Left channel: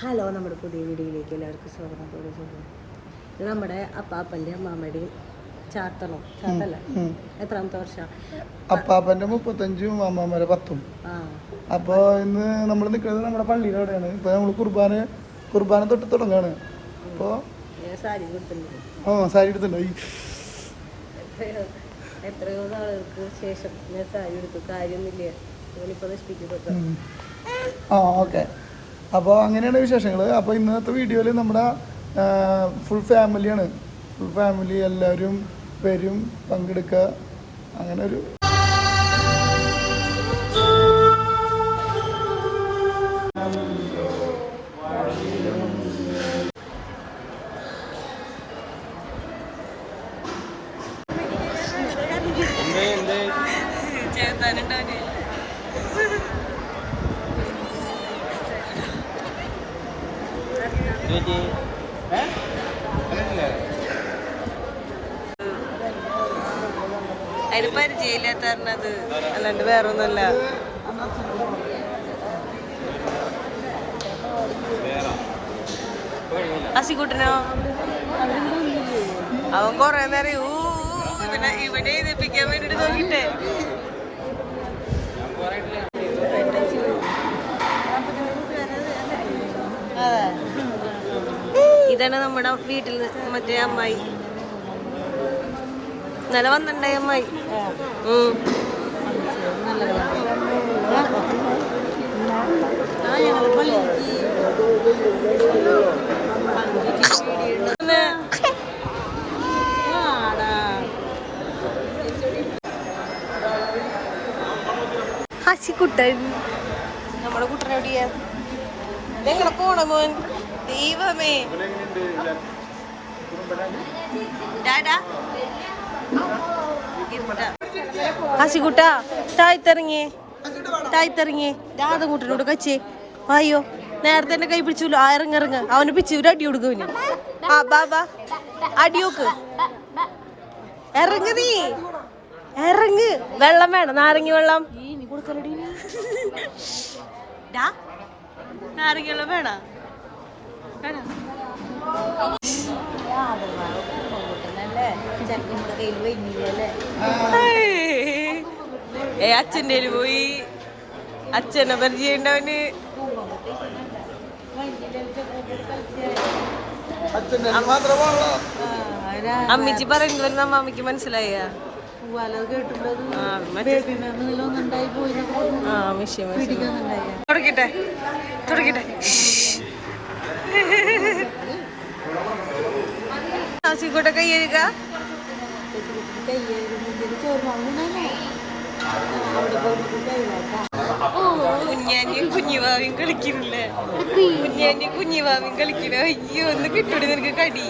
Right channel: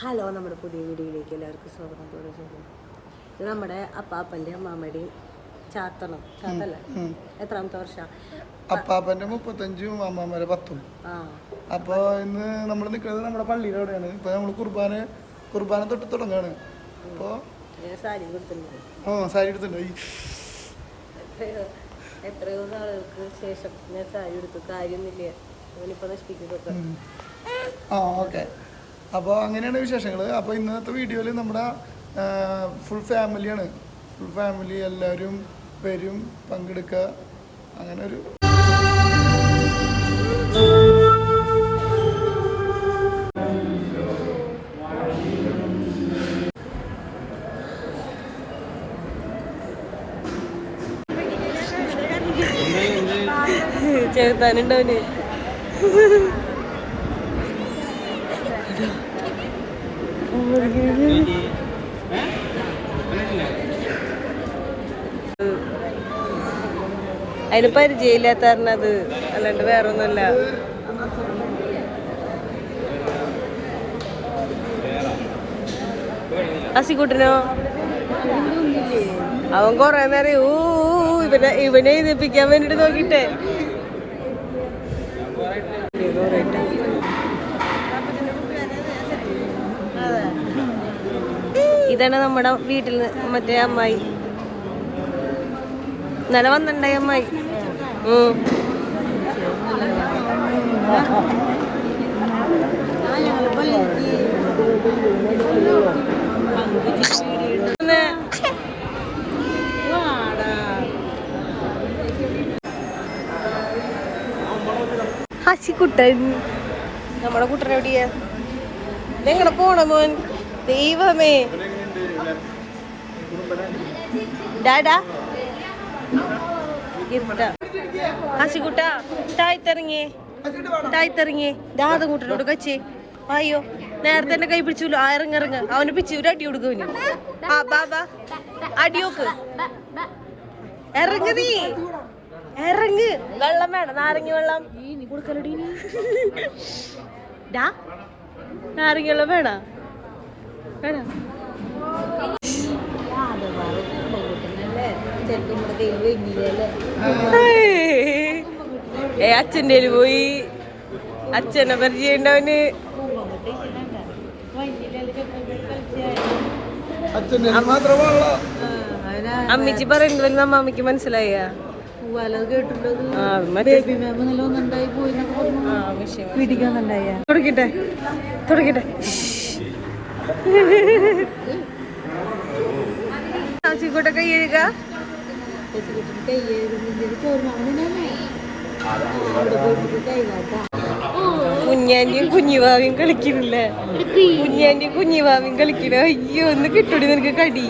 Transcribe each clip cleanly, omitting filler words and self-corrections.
Hello, നമ്മുടെ പുതിയ വീഡിയോയിലേക്ക് എല്ലാവർക്കും സ്വാഗതം. ഇത് നമ്മുടെ അപ്പാപ്പൻ്റെ അമ്മാമ്മയുടെയും ചാത്തല്ല എത്രാമത്തെ വർഷം? അപ്പാപ്പൻ്റെ 35 അമ്മാമ്മയുടെ 10. അപ്പോൾ ഇന്ന് നമ്മൾ നിൽക്കുന്നത് നമ്മുടെ പള്ളിയുടെ അവിടെയാണ്. ഇപ്പോൾ നമ്മൾ കുർബാന തൊട്ട് തുടങ്ങുകയാണ്. അപ്പോൾ സാരി കൊടുത്തിട്ടുണ്ട്. സാരി എടുത്തിട്ടുണ്ട്. എത്രയോ നാളുകൾക്ക് ശേഷം ഞാൻ സാരി എടുത്തു. കാര്യമില്ലേ, ഞാനിപ്പോൾ നശിപ്പിക്കപ്പെട്ടു. ഓക്കെ. അപ്പോൾ അങ്ങനെയാണ് വിശേഷങ്ങൾ. അപ്പോൾ ഇന്നത്തെ വീഡിയോയിൽ നമ്മുടെ ഫുൾ ഫാമിലിയാണ്. ഫുൾ ഫാമിലി എല്ലാവരും വരും, പങ്കെടുക്കുക. അങ്ങനെ ഒരു ചെറുത്താനുണ്ടവന്. അതിന് പരിചയമില്ലാത്തത് അല്ലാണ്ട് വേറെ ഒന്നുമല്ല. അസിക്കുട്ടനോ അവൻ കൊറേ നേരം ഇവനെ എഴുതിപ്പിക്കാൻ വേണ്ടിട്ട് നോക്കിട്ടെ. ഇതാണ് നമ്മുടെ വീട്ടിൽ നിന്ന് മറ്റേ അമ്മായി. ഇന്നലെ വന്നിട്ടുണ്ടായി അമ്മായി. ഹസിക്കുട്ടൻ, നമ്മുടെ കുട്ടനെവിടെയാ? എങ്ങനെ പോണ മോൻ? ദൈവമേ, ഡാഡാ ഹസിക്കുട്ട താഴ്ത്തിറങ്ങി രാധം കൂട്ടനോട് കച്ചി. അയ്യോ, നേരത്തെ തന്നെ കൈ പിടിച്ചല്ലോ. ഇറങ്ങിറങ്ങ, അവന് പിച്ച് ഒരു അടി കൊടുക്കും. ആ ബാബാ അടിയോക്ക് ഇറങ്ങ, നീ ഇറങ്ങ്. വെള്ളം വേണം, നാരങ്ങ വെള്ളം. നാരങ്ങ വെള്ളം വേണ വേണ. അച്ഛൻ്റെ പോയി. അച്ഛനെ പരിചയമുണ്ടവന്. അമ്മിച്ചി പറയുന്നത് അമ്മാമ്മക്ക് മനസ്സിലായ തുടക്കട്ടെ തുടക്കട്ടെ. ഹസിക്കുട്ട കൈ കഴുക. കുഞ്ഞാന്റെയും കുഞ്ഞുവാവിയും കളിക്കുന്നില്ലേ? കുഞ്ഞാന്റെയും കുഞ്ഞുവാവിയും കളിക്കണ. അയ്യോ, ഒന്ന് കിട്ടൂടി നിനക്ക് കടി.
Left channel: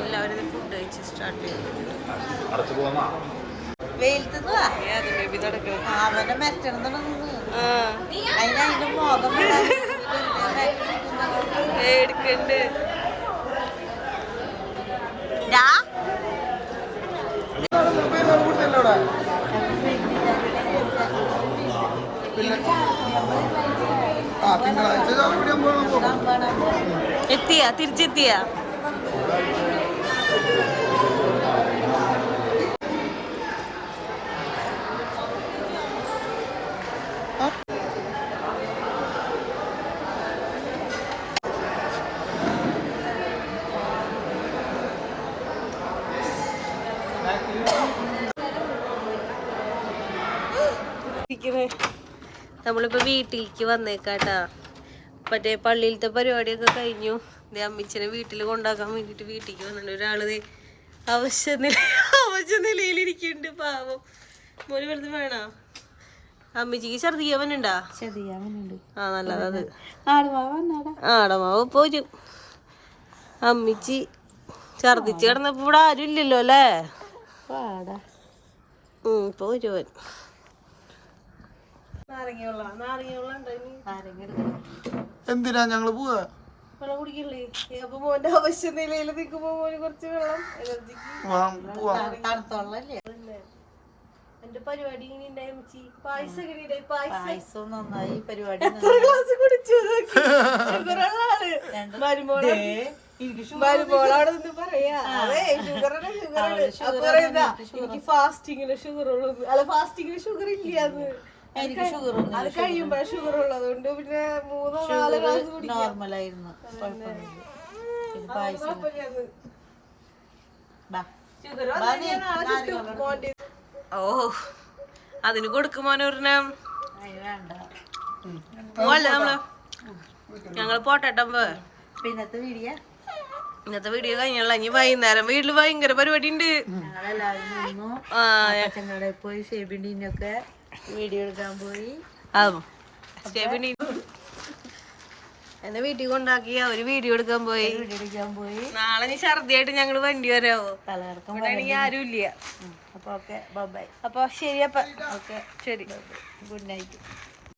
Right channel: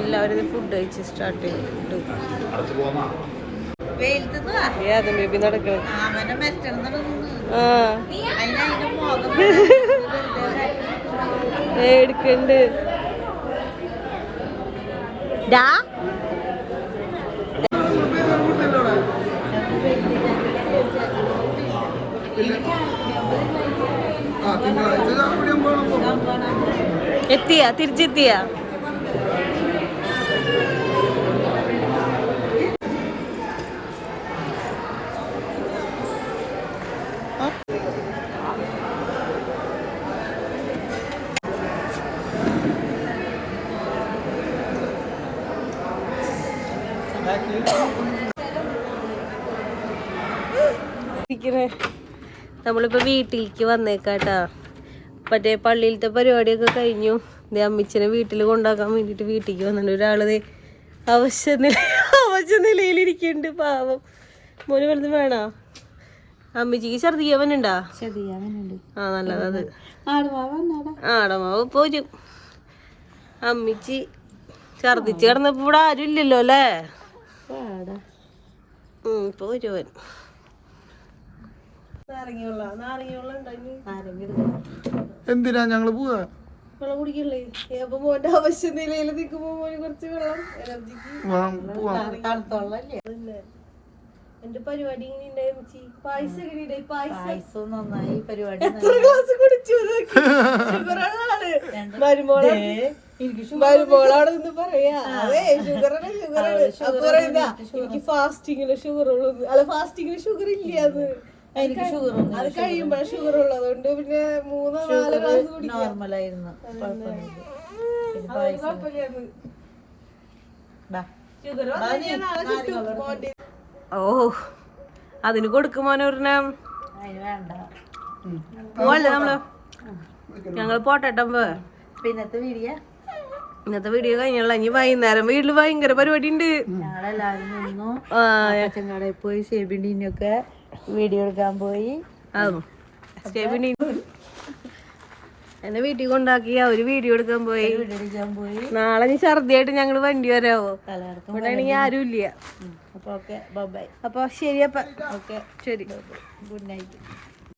എല്ലാവരും ഫുഡ് കഴിച്ച് സ്റ്റാർട്ട് ചെയ്തു. ബേബി നടക്കണം. എടുക്കണ്ട്. എത്തിയാ? തിരിച്ചെത്തിയാ? നമ്മളിപ്പോ വീട്ടിലേക്ക് വന്നേക്കാട്ടാ. മറ്റേ പള്ളിയിലത്തെ പരിപാടിയൊക്കെ കഴിഞ്ഞു. അമ്മിച്ചനെ വീട്ടിൽ കൊണ്ടാക്കാൻ വേണ്ടിട്ട് വീട്ടിലേക്ക് വന്നിട്ടുണ്ട്. ഒരാളത് അവശ്യ നിലയിലിരിക്കുന്നുണ്ട്. പാവം മോന് വലുത് വേണോ? അമ്മിച്ചിക്ക് ഛർദിക്കാവനുണ്ടാ? ആ, നല്ലത്. ആടമാവ് പോരും. അമ്മിച്ചി ഛർദിച്ച് കിടന്നപ്പോ ഇവിടെ ആരും ഇല്ലല്ലോ അല്ലേ? പോരുവൻ. എന്തിനാ ഞങ്ങള് പോവാ? വെള്ളം കുടിക്കല്ലേ? അപ്പൊ മോന്റെ അവശ്യ നിലയിൽ നിൽക്കുമ്പോ മോന് കുറച്ച് വെള്ളം എനർജിക്ക്. എന്റെ പരിപാടി ഇങ്ങനെ ഉണ്ടായി പായസം എങ്ങനെ ഉണ്ടായി? പായസം നന്നായി. പരിപാടി എത്ര ഗ്ലാസ് കുടിച്ചു? മരുമോളവിടെ നിന്ന് പറയാ അതെ ഷുഗറാണ് അപ്പൊ പറയുന്ന എനിക്ക് ഫാസ്റ്റിങ്ങിന് ഷുഗർ ഉള്ളത്. അല്ല ഫാസ്റ്റിങ്ങിന് ഷുഗർ ഇല്ലാന്ന്. എനിക്ക് ഷുഗർ അത് കഴിയുമ്പോഴാണ് ഷുഗർ ഉള്ളത്. അതുകൊണ്ട് പിന്നെ 3-4 ഗ്ലാസ് കുടിക്കാം. നോർമലായിരുന്നു. ഓ അതിന് കൊടുക്കുമോനൊരെണ്ണം അതിന് വേണ്ട. പോവല്ലേ നമ്മള്? ഞങ്ങള് പോട്ടെട്ടം പോ. പിന്നത്തെ ഇന്നത്തെ വീഡിയോ കഴിഞ്ഞല്ല. ഇനി വൈകുന്നേരം വീട്ടില് ഭയങ്കര പരിപാടി ഉണ്ട്. ഞങ്ങളെല്ലാവരും നിന്നു. പച്ചക്കടയിൽ പോയി ഷെബിനിയൊക്കെ വീഡിയോ എടുക്കാൻ പോയി. എന്നെ വീട്ടിൽ കൊണ്ടാക്കി അവര് വീഡിയോ എടുക്കാൻ പോയി. നാളെ നീ ഛർദിയായിട്ട് ഞങ്ങള് വണ്ടി വരാവോ? ഇവിടെ ആണെങ്കിൽ ആരും ഇല്ല. അപ്പൊ ഓക്കെ ബൈ. അപ്പൊ ശരി. അപ്പൊ ഓക്കെ ശരി. Good night.